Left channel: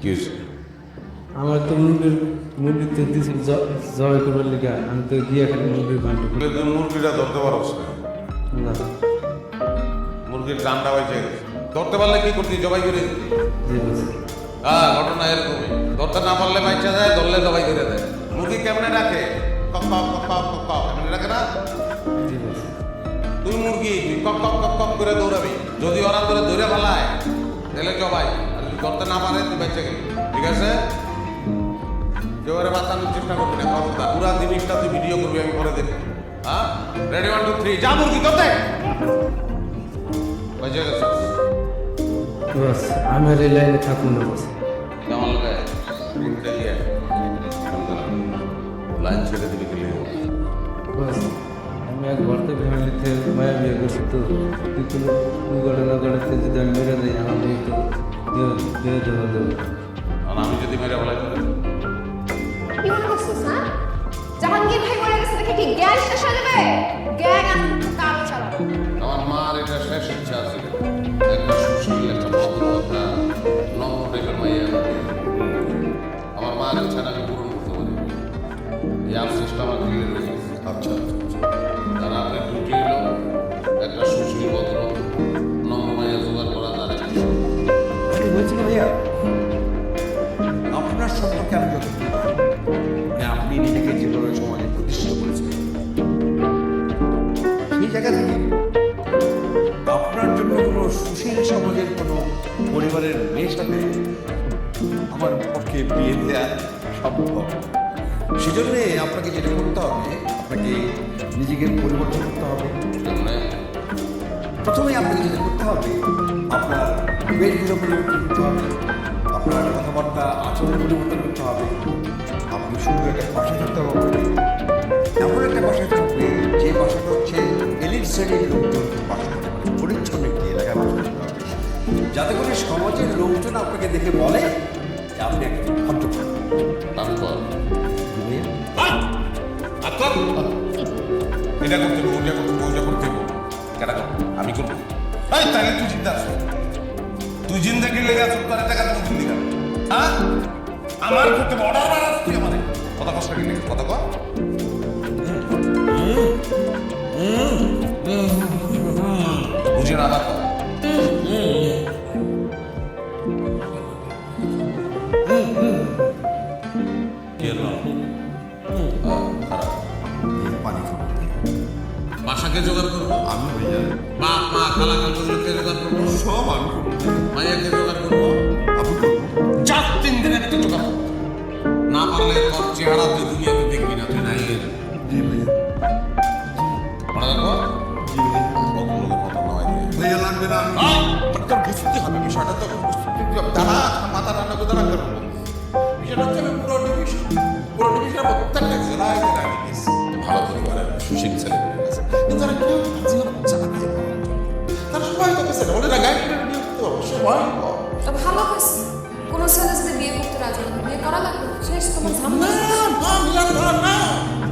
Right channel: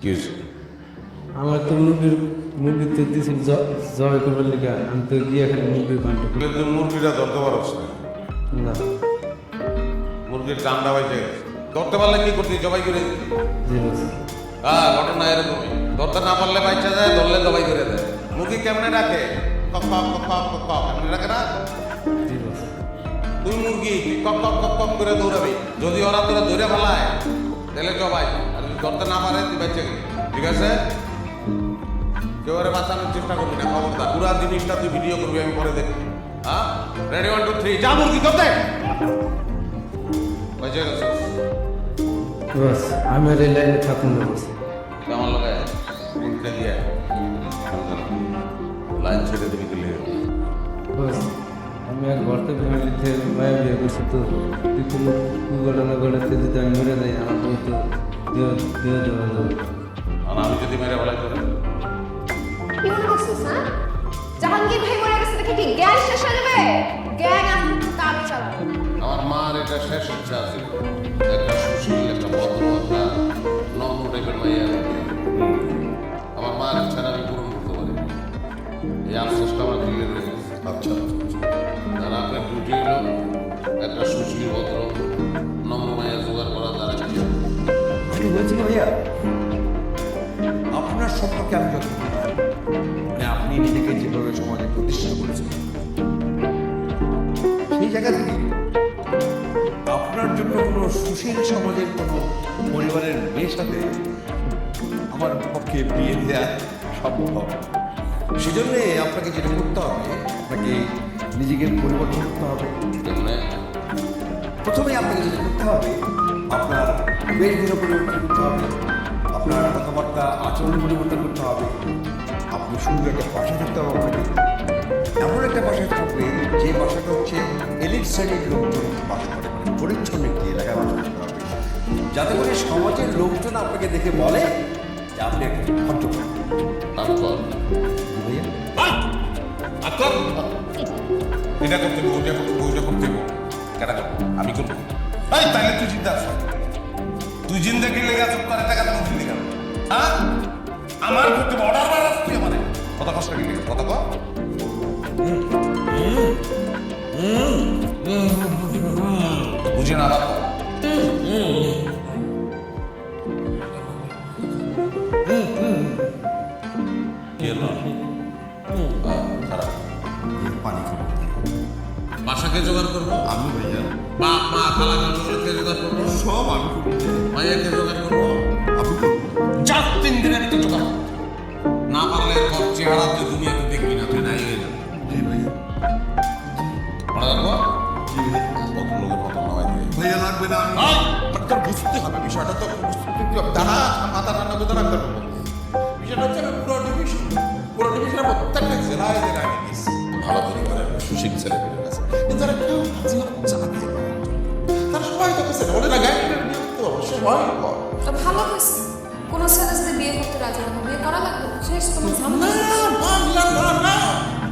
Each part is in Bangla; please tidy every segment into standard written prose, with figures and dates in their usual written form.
কি হয়েছে? আমার তো মুরগি তো দিয়েছিল জবাই করবার লিগা, আমি তো গিয়ে খালি মুরগির ঘন্টা তুই মুরগিটা ধরতে পারছ না? না। মুরগির জানটা বাইচে গেছে। ধরতে পারলে কি করতি? জবাই করে দিতি। জি বস। হ্যাঁ, ঘটনা এরকমই। ধরতে না পারলে বাইচা যায়, ধরলে জবাই করে দেয়। মুরগি কেমনে রাখে? কক কক কক কক কক কক এমনি রাখে না? জি বস। তুই মুরগি, তুই কক কক কক কক করে দৌড়াবি। যদি ওরা তোরে ধরে ফেলায় তাহলে জবাই, আর যদি ধরতে না পারে তুই বাইচে গেলি। ঠিক আছে? কেউ ওরে বাঁচানোর চেষ্টা করবি না, খবরদার। পুরা জিনিসটা তুই ভিডিও করবি, আমি পরে দেখবি। হ্যাঁ, রেডি 1 2 3 যা মুরগি ধরতে। বাইচে গেছিস। বস আমি আর এই লাইনে থাকুন না বস। আমার লোক মুরগিটা দিয়ে লাইন ছেড়ে দিবি গেলে। বস আমি এক ভর্তা ফ্যামিলিতে মায়া বিয়ে করছি, তো তুই কোনো ঘটনা ঘটাতে যদি আমি মেরে যাই আমার বউ তো দেহ দেওয়া যাবে। আর আমি যদি মেরে ফেলাই করে? কি মনে করছিস হ্যাঁ? জাহাঙ্গীর ভাই মরে গেছে দেখে কি গ্যাং শেষ হয়ে যাবে? গ্যাং আস্তে কাজ চালাবে। আমার মার এটা শেষ ইচ্ছা ছিল, একটা সুশীল, একটা ভদ্র, একটা নম্র টাইপের মাইয়া আমি বিয়ে করবো। আমার মার ইচ্ছাটা আমি পূরণ করতে পারি, এই আফসোসটা আমার দিলে রয়ে গেছে। আচ্ছা আচ্ছা, তার আপনার ডিউটি হলো একটা সুশীল, ভদ্র, নম্র মাইয়া জোগাড় করা, তার বিয়ে করবো। আমি বলছি কি ভাইয়া, আপনার সম্পর্কে আমি যতটুকু জানি, মানে আপনি নিজেকে যেভাবে সমাজে প্রতিষ্ঠিত করেছেন, সেই জায়গা থেকে আপনার জন্য কোনো সুশীল সমাজের কোনো পরিবারের মেয়ের সাথে আমার পক্ষে বিয়ে দেওয়া সম্ভব। সেজন্যে আপনাকে যেটা করতে হবে, আপনাকে নিজেকে পরিবর্তন করতে হবে। তেমনি প্রথমেই আপনাকে যেটা করতে হবে, আপনার বেশভূষা পরিবর্তন করতে হবে, আপনার কথাবার্তা আচরণ পরিবর্তন করতে হবে। আপনি সুন্দর একটা বাসায় থাকতে হবে আপনাকে, এমন একটা বাসায় থাকবে যে বাসাটা হচ্ছে এলিট শ্রেণীর লোকজন বাস করে, মানে পরিচ্ছন্ন একটি এলাকায় বাস করতে হবে, যাতে করে সমাজের লোকজন আপনাকে দেখে বলে যে আপনি একটা ভদ্র। তারপর ভাইয়া এটা করতে হবে, ওইটা করতে হবে, ওইটা করতে হবে। কেটা করবো? আমি করবো। এই তাহলে তুই চিন্তা আস, তুই জিন্দাগি লেগে আস, তোর টাকা তুমি জিন্দিগা। হ্যাঁ, আমার করতে অর্ডার বাড়াস তুই আমারে। কত কষ্ট লেগে কত ক বুঝে না আবার কর। খারাপ পানি খাবো বাসাকে জোগাড় করবো আমি ভাইয়া, বাপ মা খালা খালুগুলোকে জোগাড় করবো, সব আমি করবো, মাইয়াকে জোগাড় করবো। আমি করবো। যা 3 দিনের ভিতরে জোগাড় করবো। না পারলে তোর চেহারা তুই দুনিয়াতে দেখবি না, তুই নাই হয়ে যাবে। জি ভাইয়া, মনে রাখবো, জি ভাইয়া। ভদ্রলোকের মতো নয় দিয়ে। ভাইয়া লাগবে না, আমি তোর বুঝতে হবে বিষয়টা, তো বুঝতে হবে। দাঁড়া, মাথা রান্না করতে রাখতে পারবো। বিষয়টা হচ্ছে আমি পুরো ডিভিশনের প্রত্যেকটা জেলায় জেলায় আমি গেছি। ভালো পরিবারের সুশীল ছেলেমেয়ের কাছে, কিন্তু তারা কেউ জীবনে চাকরি পাওয়ার জন্য তারা সবাই তোকে ছেলে বলে না, গাড়ি বিয়ে করতে পারবো, সে ভয়ঙ্কর। তো ভালো হয়েছে, কোনো ছেলে যদি বিয়ে করতে রাজি হবে বিয়ে করা লাগবে না। শেষ তোমার না ঝামেলা। না মিলান না না,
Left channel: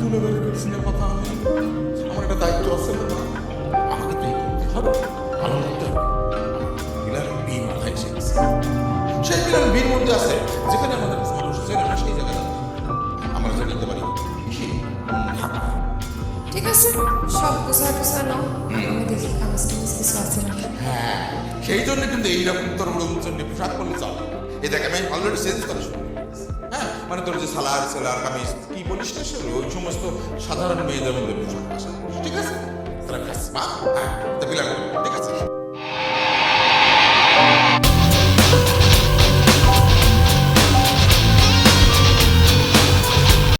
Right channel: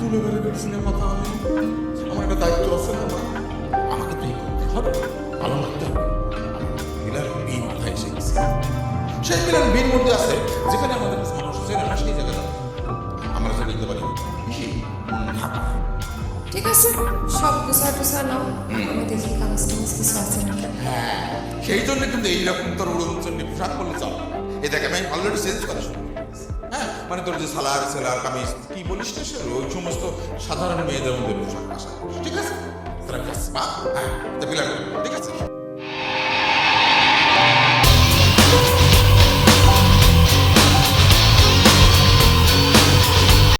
তুলে বেড়ে বেড়ে কথা আমি, আমার একটা দায়িত্ব আছে না মা, আমাকে তাই করতে হবে, ভালো লাগতে হবে। মিলান বি মাথায় এসে গেছে, সেই মিলান বির মধ্যে আছে যেখানে আমাদের মানুষ চেনে না, সেই জায়গাটা আমরা যে নিতে পারি সেই ঢাকা। ঠিক আছে, সব গুছা টুসা নাও, আমি দেখি কাগজ টাগজ কিছু আছে নাকি। হ্যাঁ, সেই জন্য কিন্তু এইরকম তোর উড়নচন্ডী পোশাক করলে চলে। এই দেখ আমি অলরেডি চেঞ্জ করা শুরু করে দিয়েছি। হ্যাঁ, মানে তোর যে সালার সেলার কামিজ কি বলিস না, সে ওই সমস্ত সাধারণ মেয়েদের মধ্যে পোশাক আশা করিস। ঠিক আছে, তোরা কাজ মা, হ্যাঁ, তা বিলান, ঠিক আছে।